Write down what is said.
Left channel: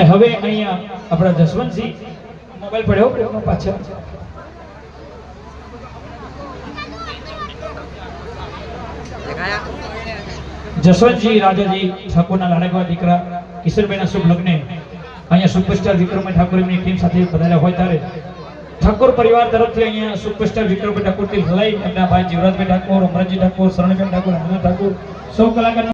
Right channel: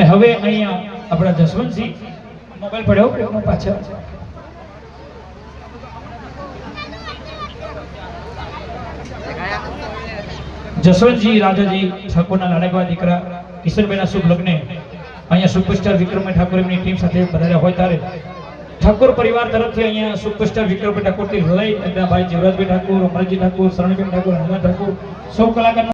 અને હવે અહીંયા આપણા જસવંતસિંહ મોબાઈલ પડ્યો પાછળ જસવંતજી રાજાજી ઠાકોરના લાડકવા દીકરા કિશોરભાઈના શુભ લગ્ને અહીંયા સુપરસ્ટાર વિક્રમભાઈ ઠાકોર એમની ટીમ સાથે પધાર્યા હોય ત્યારે ઠાકોર પરિવાર તરફથી અહીંયા સુપરસ્ટાર વિક્રમભાઈ ઠાકોરથી લડાઈ એમના ભાઈ જીવરાજભાઈ ઠાકોર અમરજી ઠાકોર શરણભાઈ ઠાકોર હનુમાન ઠાકોર સૌ કલાકાર